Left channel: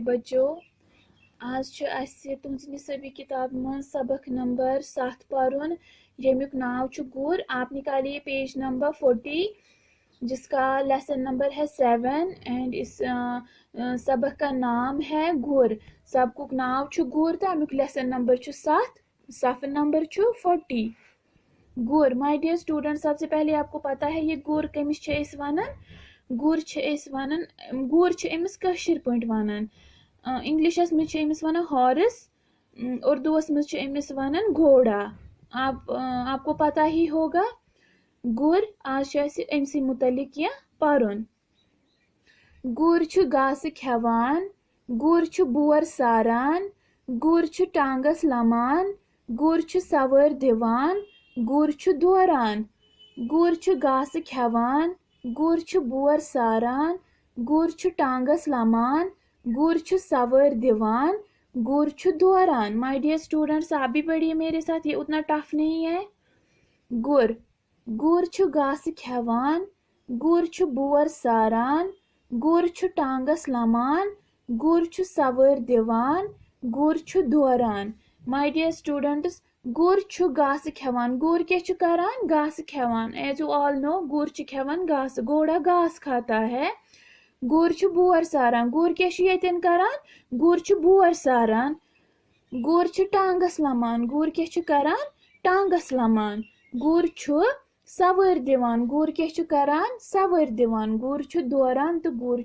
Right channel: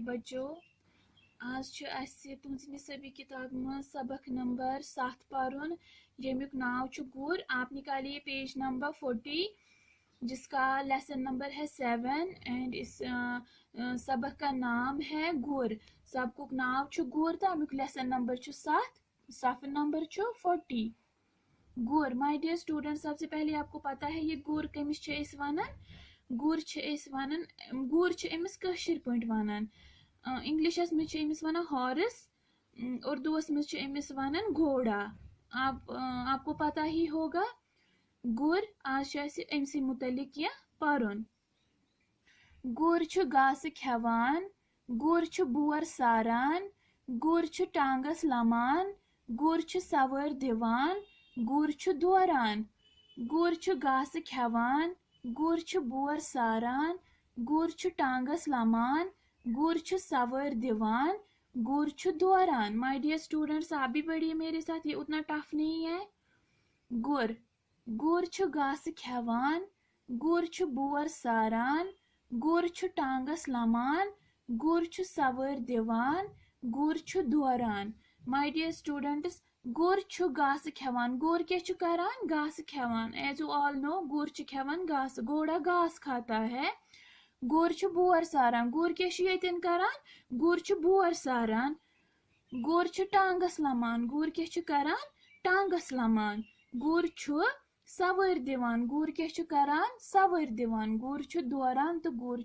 बच्चों आज तुम सभी किताब में सबक नंबर 7 पारुन यमुक नाव गुर। आप निकालिए पेज नंबर 40 जिसका लेसन नंबर है 7 एंड इस सबक का नाम है गुर। सबकुक नाव गुर तो अमुक लेसन नंबर 7 सफर नंबर 40 गुर। माय डियर स्टूडेंट, सबसे पहले आपको पता है ये गुर कमिस वनान। गुर वनान गुर अमिस कशीर पॉइंट वनान। इंग्लिशस में अमिस वनान हॉर्स, उर्दूस में अमिस वनान घोड़ा। आपको पता ही होगा। गुर आज अमसी मुतलिक यह परुन। गुर घास खेवान, गुर बोर सारान, गुर टांगस लमान, गुर सवर दिवान, गुर दोरान। गुर घास खेवान, गुर बोर सारान, गुर टांगस लमान, गुर सवर दिवान, गुर दोरान। माय डियर स्टूडेंट्स, आप भी पढ़िए मेरे साथ, ये उतना टफ नहीं है। गुर घास खेवान, गुर बोर सारान, गुर टांगस लमान, गुर सवर दिवान, गुर दोरान। माय डियर स्टूडेंट्स, गुर घास खेवान। गुर क्या करान? घास खेवान। एज यू ऑल नो, गुर खेवान घास। घोड़ा घास खाता है। गुर बोर सारान। गुर क्या करान? गुर बोर सारान। गुर टांगस लमान। गुर क्या करान? टांगस लमान। गुर सवर दिवान। गुर क्या करान? सवर दिवान। गुर दोरान तो गुर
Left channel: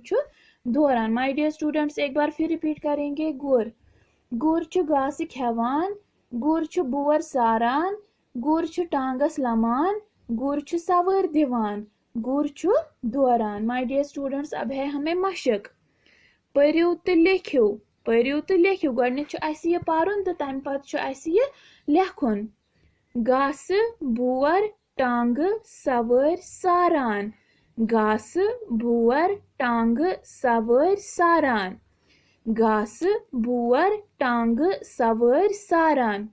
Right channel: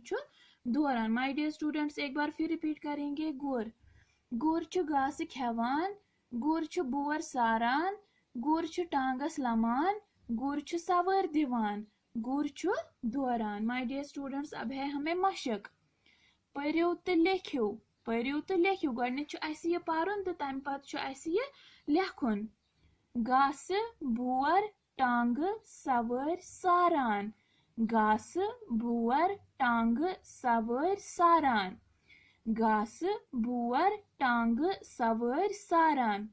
दोरान। माय डियर स्टूडेंट्स, एक बार फिर रिपीट करेंगे। गुर घास खेवान, गुर बोर सारान, गुर टांगस लमान, गुर सवर दिवान, गुर दोरान। माय डियर स्टूडेंट्स, अब है हमें मशक। पढ़ियो तो लिखियो, पढ़ियो तो लिखियो। गोडनिक यह पढ़ुन तो तम पत यह लेखुन। घास बोर टांग सवर सारान। घास बोर टांग सवर सारान। घास बोर टांग सवर सारान।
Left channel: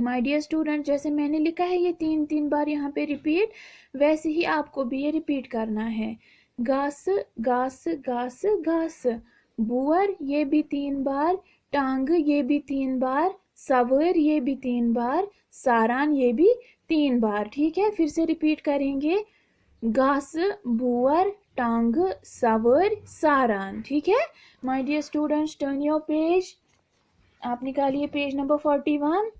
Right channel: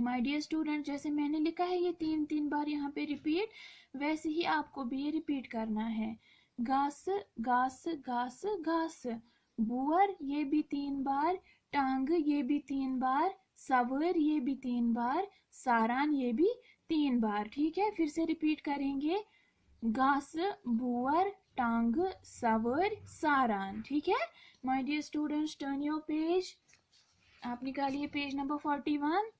माय डियर स्टूडेंट, जैसे मैंने लिखा है ये 3 बार यहाँ पे रिपीट, वैसे ही आपको भी ये रिपीट करना है। घास घास घास घास। बोर ये भी 3 बार, टांग ये भी 3 बार, सवर ये भी 3 बार, सारान ये भी 3 बार। ठीक है, फिर से रिपीट करेंगे। घास बोर टांग सवर सारान। ठीक है my dear students, turn your page. आप निकालिए पेज नंबर 41।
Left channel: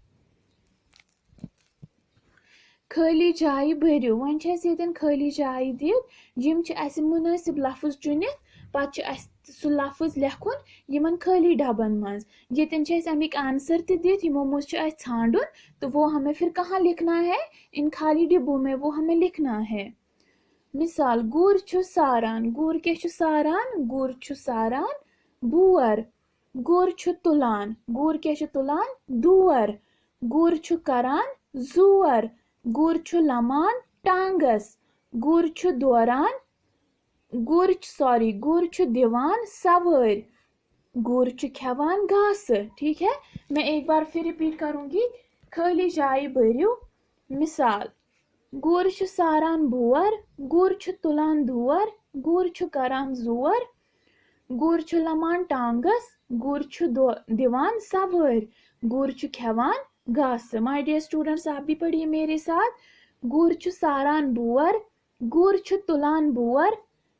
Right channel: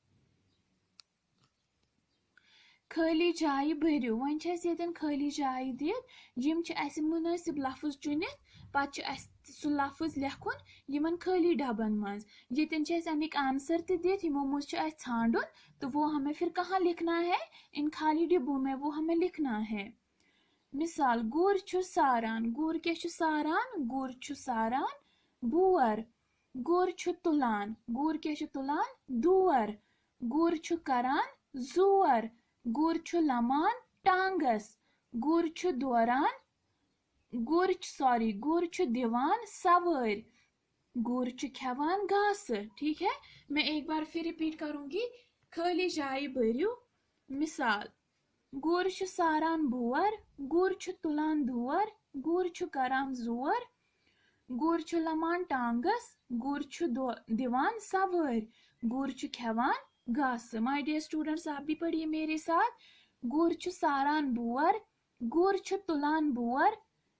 खाली जाय भरियो। वन ये खाली जाय दिम मुनासिब लफ्ज चुनित पत सह लफ्ज लेखुन यमन खाली डबन मज। ये अमिक आंसर दित यमो मज छांडुन, तो वो हमें फिर कहाँ लिखना है? इन खाली डिब्बों में वो हमें लिखना है। मिसाल, गुर सारान। गुर क्या सारान? गुर सारान बोर। गुर तुलान। गुर क्या तुलान? दूर। गुर करान जोर। गुर लमान टांगस। गुर दोरान गुर दिवान सवर। गुर खेवान घास। ठीक है, मैं एक बार फिर रिपीट करूंगी। खाली जाय भरियो। मिसाल, गुर सारान बोर, गुर तुलान दूर, गुर करान जोर, गुर लमान टांगस, गुर दिवान सवर, गुर खेवान घास। माय डियर स्टूडेंट्स, आप भी पढ़िए मेरे साथ। गुर सारान बोर, गुर तुलान बोर,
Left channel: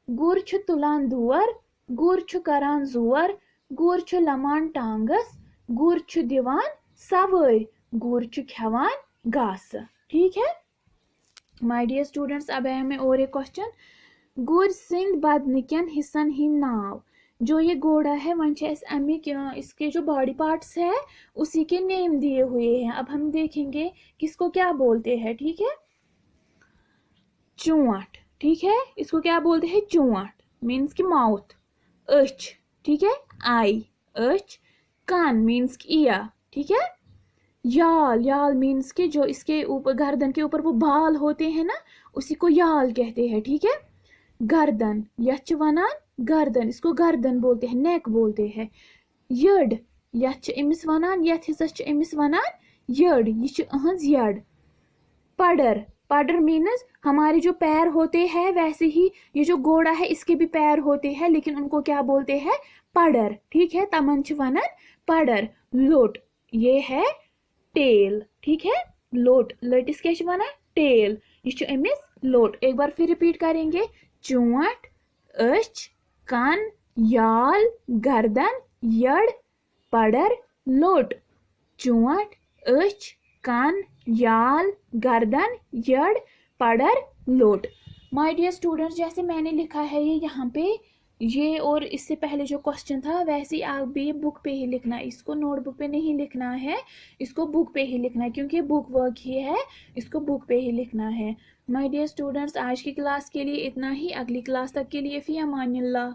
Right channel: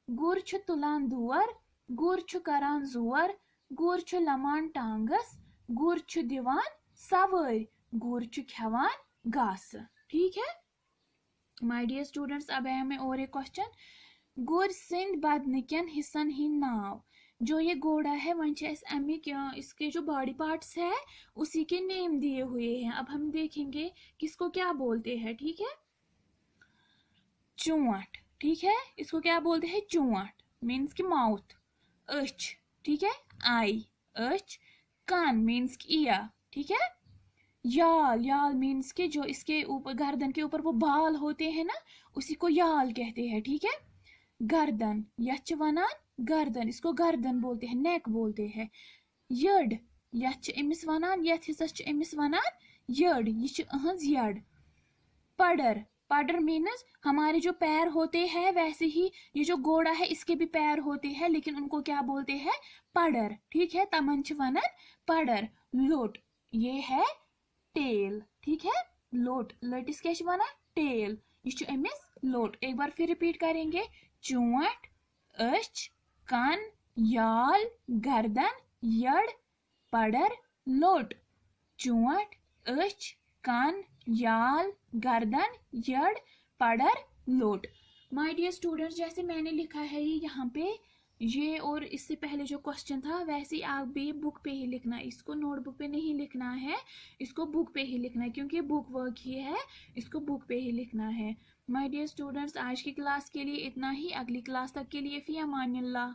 गुर तुलान दूर, गुर करान जोर, गुर लमान टांगस, गुर दिवान सवर, गुर खेवान घास। ठीक है माय डियर स्टूडेंट्स, अब है हमें और एक क्वेश्चन। गुर सिंध बदनिकन हिस्सन ही नाव। जो ये घोड़ा है वन अमिक इसके जो बॉडी पार्ट्स है उसी के नेम दिए हुए हैं। अब हम देखेंगे किसको क्या बोलते हैं। ठीक है, चूंट। ठीक है, इसको क्या बोलते हैं? चूंट मीन्स की माउथ। अच, ठीक है, आई। अच। कान मीन्स की ईयर। ठीक है, याल। याल मीन्स के जो इसके ऊपर गर्दन के ऊपर वो बाल होते हैं ना, उसी को याल कहते हैं। ठीक है, गर्दन यच वनान गर्दन, इसको गर्दन बोलते हैं, नेक बोलते हैं। यड यच अमिस वनान, यथ हिस्सस अमिस वनान यड, ये अहंज यड। पडर। पडर मीन्स हमारे जो पैर होते हैं वैसे ही ये जो घोड़ा है इसके भी पैर होते हैं, लेकिन उनको क्या बोलते हैं? पडर, ठीक है, तमन छ वनन पडर। लोट, ये है टेल, ठीक है, लोट, लटिस क्या छ वनन टेल, ये छ अमिस लोट। एक बार फिर रिपीट करेंगे, चोट, अच, कान, याल, गर्दन, यड़, पडर, लोट। चोट, अच, कान, याल, गर्दन, यड़, पडर, लोट। माय डियर स्टूडेंट्स, जैसे मैंने लिखा है ये यहाँ पे, ये और इससे पहले जो क्वेश्चन था वैसे आप भी बुक पे ही लिखना, इसको नोटबुक पे नहीं लिखना है, इसको बुक पे ही लिखना है, क्योंकि बुक वर्क ही है, इसको बुक पे ही लिखना है। माय डियर स्टूडेंट्स, आज की क्लास के लिए इतना ही। अगली क्लास तक के लिए फी अमानिल्लाह।